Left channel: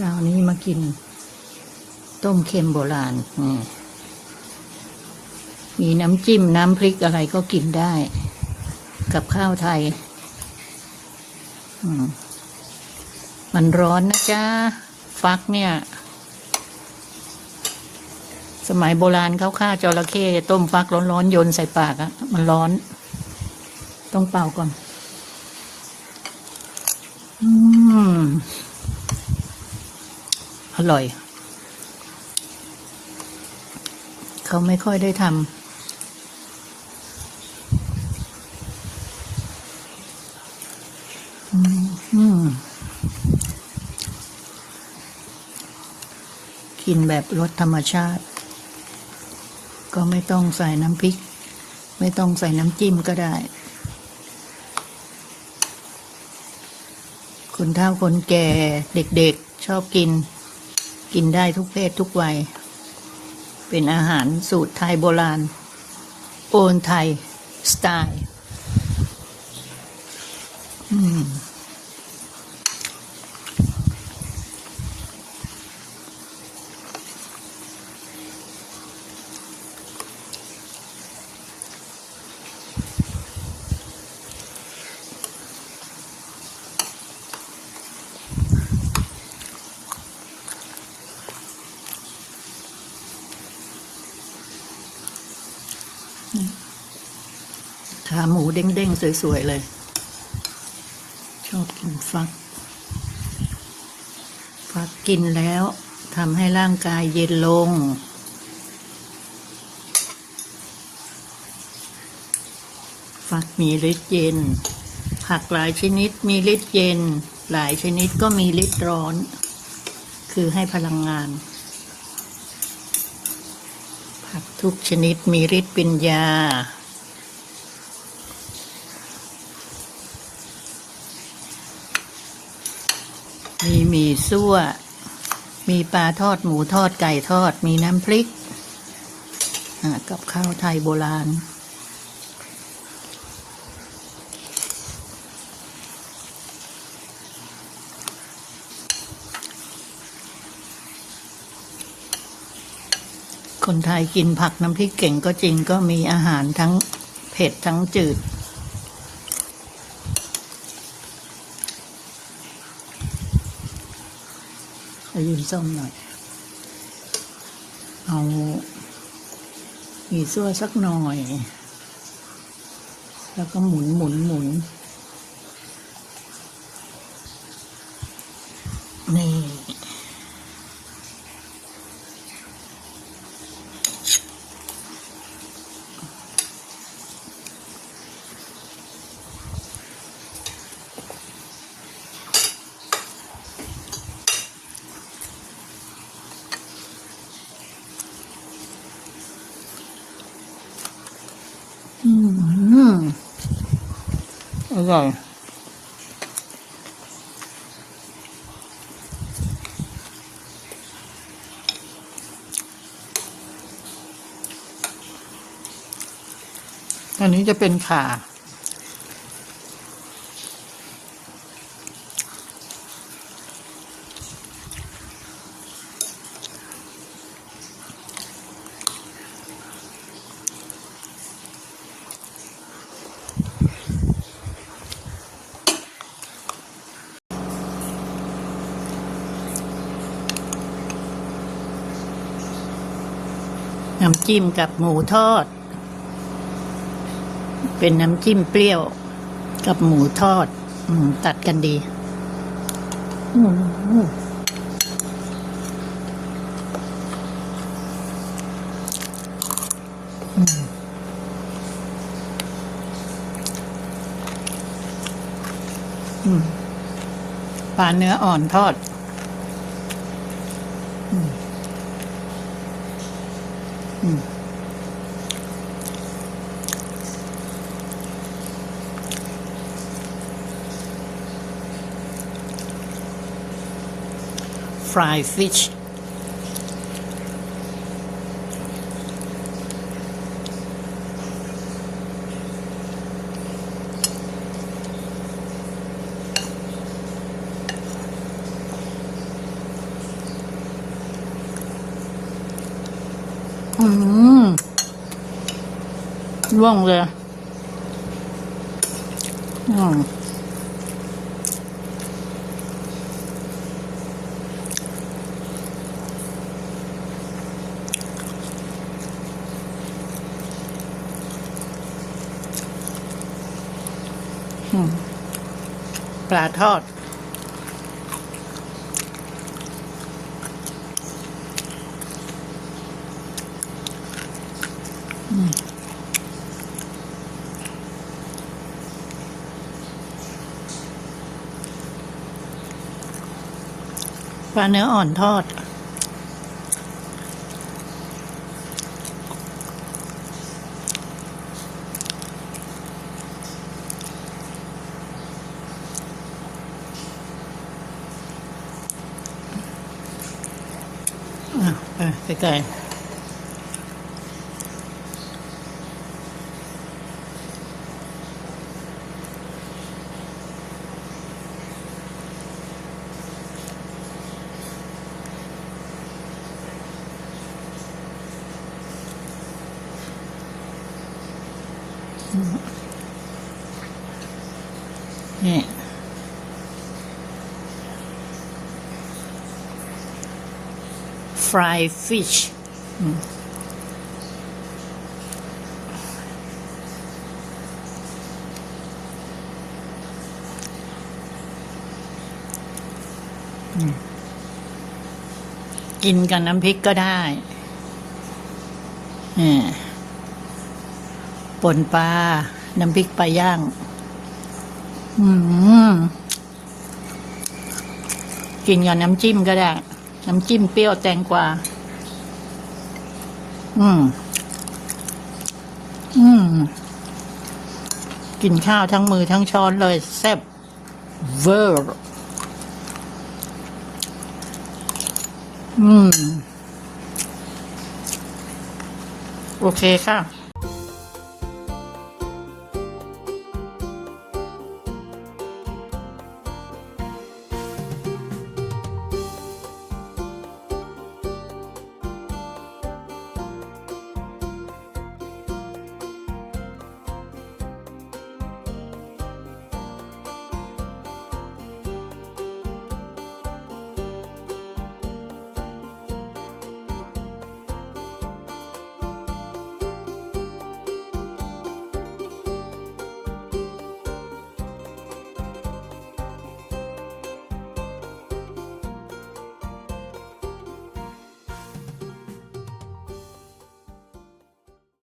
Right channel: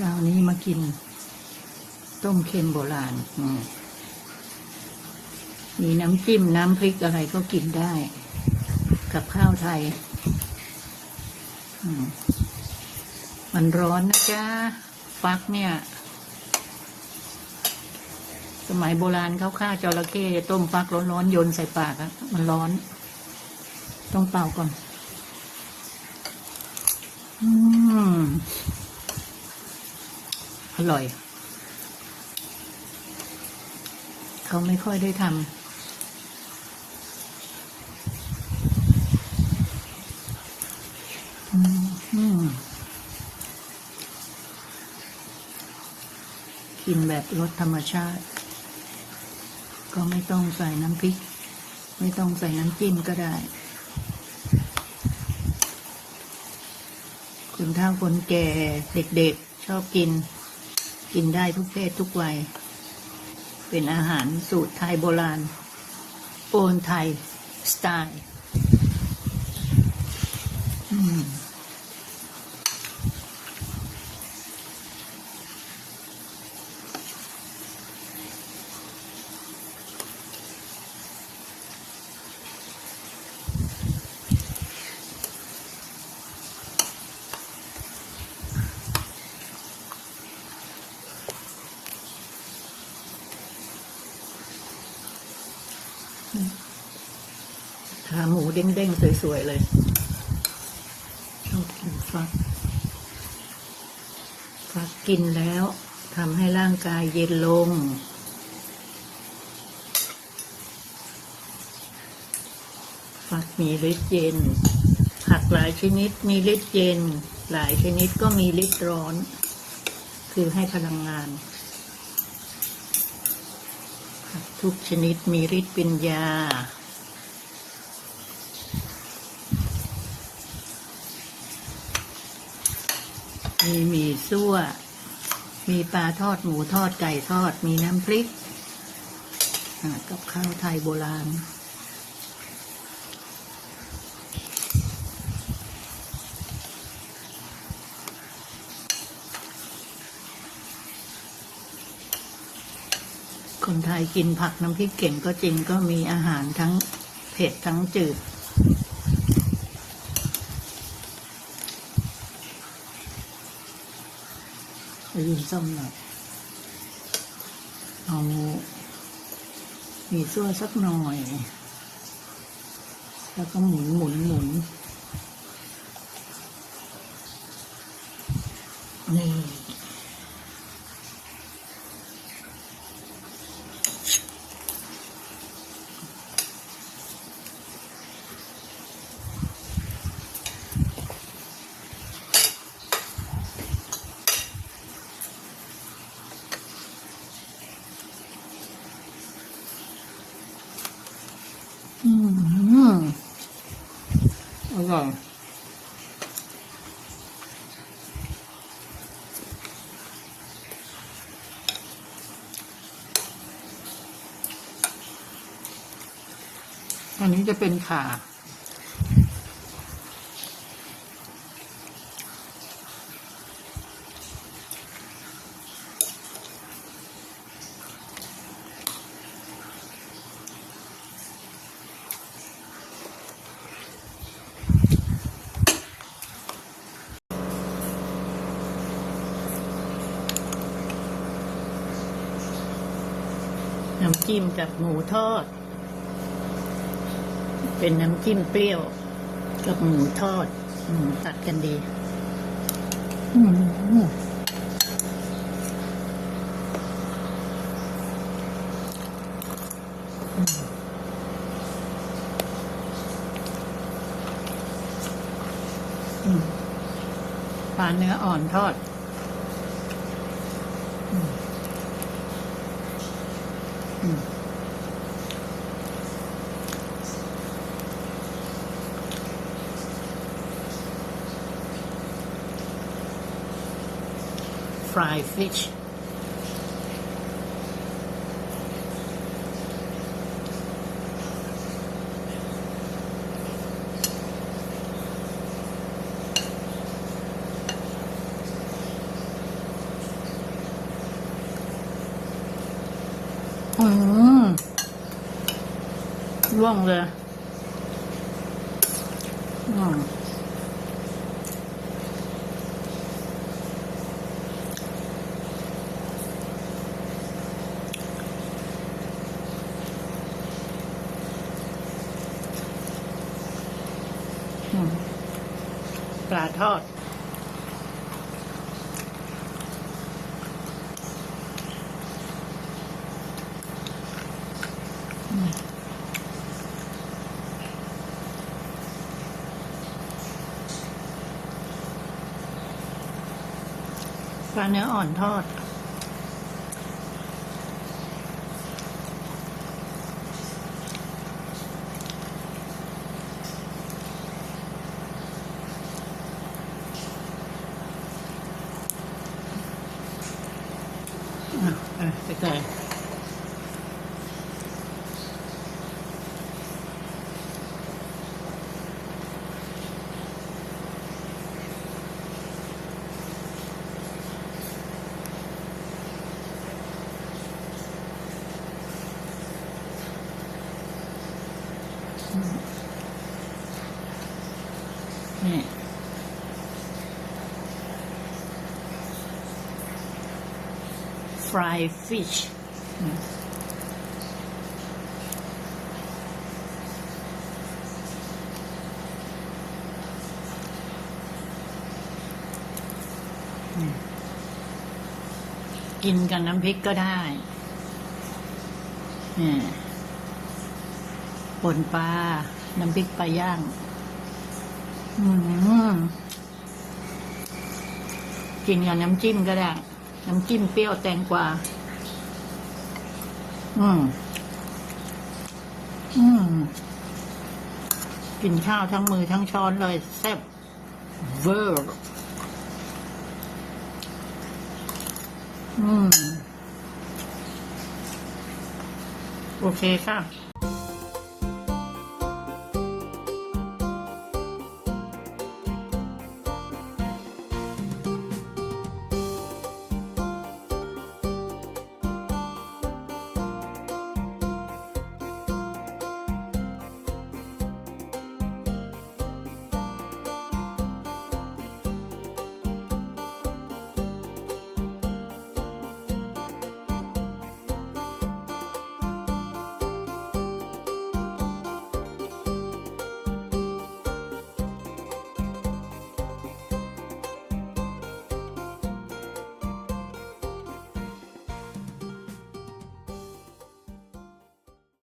ช้านี้มากิน ต้มเค็มโบราณมีน้ำจิ้มน้ำพริกอะไรก็กินได้ กับข้าวไทยมมันร้อนนะจ๊ะ ฟักเนี่ย สมัยโบราณเขาฆ่าจระเข้ต้มฟักร้อนๆโยนใส่ปากอะมันร้อน ต้องเป่าก่อน อืม อร่อย เขาไม่ค่อยได้ทำกินแบบรสธรรมชาติ ก็ไม่ต้องใส่น้ำพริก ไม่ต้องใส่น้ำจิ้มก็ได้ คนเฒ่าคนแก่เด็กๆชอบกิน กินได้ทุกเพศทุกวัย เป็นอาหารสูตรไทยโบราณ โอนไทย สไตล์ อืม ขาหมูเด้งๆ สวย ๆ เลย ชอบกินฟัก ฟักกินแล้วทำให้ร่างกายเย็นลง ฟักมีฤทธิ์เย็น ผักหลายชนิดมีฤทธิ์เย็น หลายชนิดก็มีฤทธิ์ร้อน คือให้พลังงาน ผักทุกชนิดมีฤทธิ์ป็นยา มีหมี่ซั่ว มีปลาทอดหมูทอดไก่ทอด มีน้ำพริก กับข้าวไทยโบราณ คนไทยกินผักน้ำพริกเก่งก็จริงก็มีอาหารทั้งเผ็ดทั้งจืด ไป ยืนส้มหน่อย เอามีซั่วสักหน่อย แล้วก็หมุนหมุนหมุนนี่ อืมอร่อยอันนี้จะเป็นขา น้ำจิ้มกับหมูทอด เป็นน้ำจิ้มเปรี้ยวกับหมูทอด อืม ตัดกันดี อืมปลาเนื้ออ่อนทอด อืม อืม fried fish อืมร่วงเลย อืมอืมปลาทอด ปลาเนื้ออ่อนทอด อะอะไปไกล นี่ fried fish อืมอืมกินกับน้ำพริกก็ได้อ่า ป่นปลา น้ำพริกปลาย่าง อืม กินกับน้ำจิ้มก็ได้ น้ำจิ้มเปรี้ยวแตงกวา อืม อืม กินข้าวทั้งมือทั้งช้อนเลยแซ่บเวอร์ อืม โอเคค่ะ